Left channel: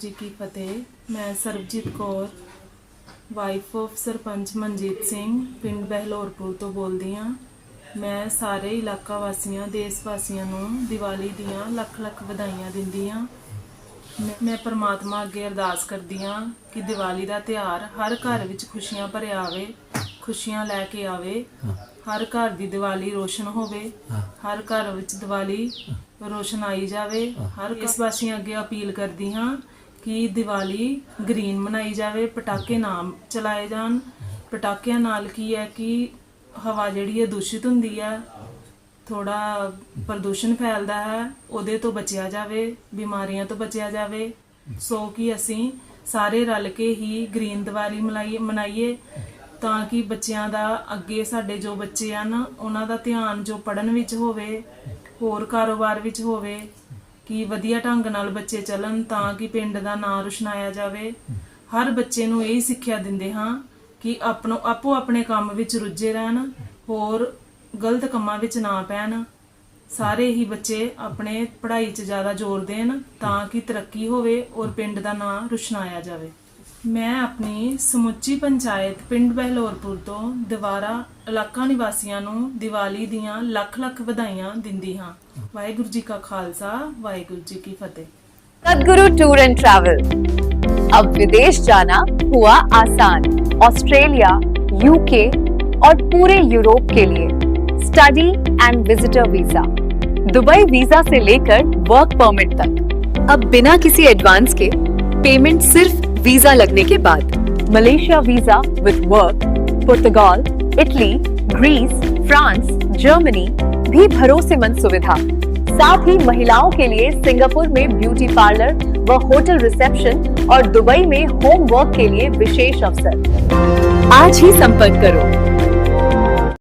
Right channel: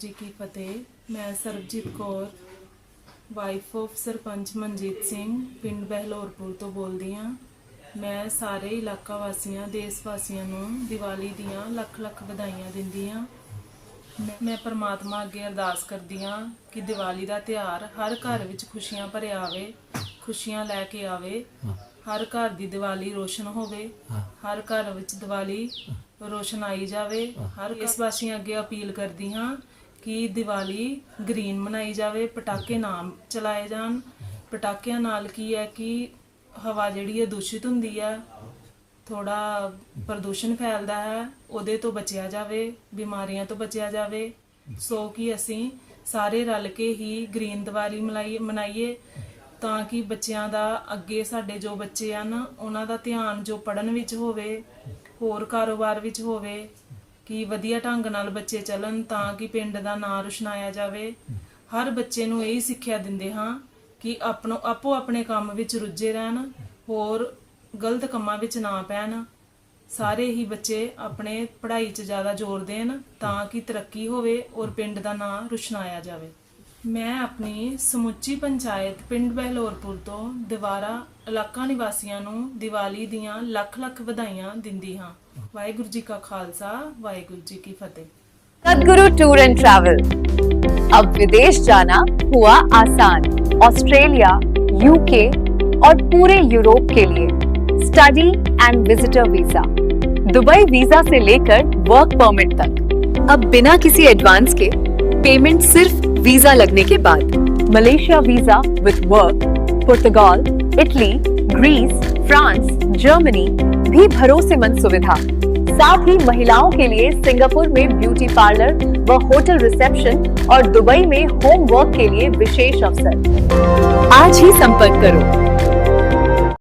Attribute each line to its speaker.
Speaker 1: ਜੀ ਕੀ ਫਤਿਹ। ਮੈਂ ਸਰਬਜੀਤ ਕੌਰ ਵਾਈਫ ਆਫ ਸਰਪੰਚ ਮਨਜੀਤ ਸਿੰਘ, ਪਿੰਡ ਬਹਿਲੋਰਪੁਰ ਤੋਂ ਬੋਲਦੀ ਹਾਂ। ਮੈਂ ਸਾਰੇ ਇਲਾਕਾ ਵਾਸੀਆਂ, ਦੇਸ਼ ਵਾਸੀਆਂ ਨੂੰ ਦੀਵਾਲੀ ਦੀਆਂ ਲੱਖ ਲੱਖ ਵਧਾਈਆਂ ਦਿੰਦੀ ਹਾਂ। ਮੈਂ- ਮੈਂ ਪਰਮਾਤਮਾ ਅੱਗੇ ਅਰਦਾਸ ਕਰਦੀ ਹਾਂ ਕਿ ਦੀਵਾਲੀ ਦਾ ਤਿਉਹਾਰ ਹਰ ਘਰ ਵਿੱਚ ਖੁਸ਼ੀਆਂ ਭਰਿਆ ਆਵੇ। ਖੁਸ਼ੀਆਂ ਲੈ ਕੇ ਆਵੇ। ਹਰ ਘਰ ਦੀ ਦੀਵਾਲੀ ਰੋਸ਼ਨ ਹੋਵੇ। ਹਰ ਘਰ ਵਿੱਚ ਦੀਵਾਲੀ ਰੋਸ਼ਨ ਆਈ ਜਾਵੇ। ਹਰ ਇਸ ਵਾਸੀਆਂ ਅੱਗੇ ਅਪੀਲ ਕਰਦੀ ਹਾਂ ਕਿ ਦੀਵਾਲੀ ਗ੍ਰੀਨ ਮਨਾਈ ਜਾਵੇ ਪਟਾਕੇ ਨਾ ਚਲਾਏ ਜਾਣ। ਪਟਾਕਿਆਂ ਨਾਲ ਕੀ ਹੈ ਕਿ ਹਵਾ ਜਿਹੜੀ ਹੈ ਦੂਸ਼ਿਤ ਹੁੰਦੀ ਹੈ। ਥੋੜਾ ਪ੍ਰਦੂਸ਼ਣ ਫੈਲਦਾ ਹੈ ਉਹਦੇ ਤੋਂ ਬਚਿਆ ਜਾਵੇ ਬਿਮਾਰੀਆਂ ਤੋਂ ਬਚਿਆ ਜਾਵੇ। ਸੋ ਕਿ ਅਸੀਂ ਸਾਰੇ ਰਲ ਕੇ ਹੀ ਗ੍ਰੀਨ ਦੀਵਾਲੀ ਮਨਾਈ ਮਨਾਈਏ। ਤਾਂ ਕਿ ਬੱਚਿਆਂ ਦਾ ਅੱਗੇ ਸਾਡੇ ਜੋ ਬੱਚੇ ਹਨ ਉਹਨਾਂ ਦਾ ਧਿਆਨ ਜੋ ਪੜਨ ਵਿੱਚ ਹੋਵੇ, ਹੋਰ ਕਾਰੋਬਾਰ ਵਿੱਚ ਹੋਵੇ, ਕਿ ਵਧੀਆ ਢੰਗ ਨਾਲ ਬੱਚੇ ਚੱਲਣ ਤਾਂ ਕਿ ਪਿੰਡ ਦਾ ਨਾਂ ਰੁਸ਼ਨਾਇਆ ਜਾਵੇ। ਹਰ ਬੱਚੇ ਨੂੰ ਇਹੀ ਸਿੱਖਿਆ ਦਿੰਦੇ ਹਾਂ ਕਿ ਆਪਣੋ ਆਪੋ ਆਪਣੇ ਕੰਮ ਵਿੱਚ ਰੁੱਝੇ ਰਹਿਣ, ਹੋਰ ਗਲਤ ਕੰਮਾਂ ਵਿੱਚ ਨਾ ਪੈਣ। ਸਾਰੇ ਹੀ ਬੱਚੇ ਆਪਣੇ ਪੜ੍ਹਾਈ 'ਚ ਜ਼ਿਆਦਾ ਜ਼ੋਰ ਦੇਣ ਤਾਂ ਕਿ ਤਰੱਕੀ ਹੋਵੇ ਔਰ ਪਿੰਡ ਦਾ ਨਾਂ ਰੁਸ਼ਨਾਇਆ ਜਾਵੇ। ਮੈਂ ਆਪਣੀ ਸਮੁੱਚੀ ਪੰਚਾਇਤ ਪਿੰਡ ਬਹਿਲੋਰਪੁਰ ਤੋਂ ਦੁਬਾਰਾ ਇਲਾਕਾ ਨਿਵਾਸੀਆਂ ਨੂੰ ਦੀਵਾਲੀ ਦੀਆਂ ਲੱਖ ਲੱਖ ਵਧਾਈਆਂ ਦਿੰਦੀ ਹਾਂ ਵਾਹਿਗੁਰੂ ਜੀ ਕਾ ਖਾਲਸਾ ਵਾਹਿਗੁਰੂ ਜੀ ਕੀ ਫਤਿਹ
Speaker 2: सदगुरु टूर एंड ट्रैवल अब विदेश जाना हुआ आसान ऑस्ट्रेलिया यूके और पूरे यूरोप के लिए study and visitor visa Dubai visa से लेकर वर्क परमिट तक अब बिना किसी एडवांस के पेमेंट सिर्फ वीज़ा लगने के बाद, Malaysia visa with work Portugal Italy Greece France Germany भी भरोसेमंद सुविधा। साथ ही महिलाओं के लिए सिंगापुर में ब्यूटी पार्लर व होटल रिसेप्शन और दुबई में होम वर्क के लिए विशेष अवसर। आज ही संपर्क करो।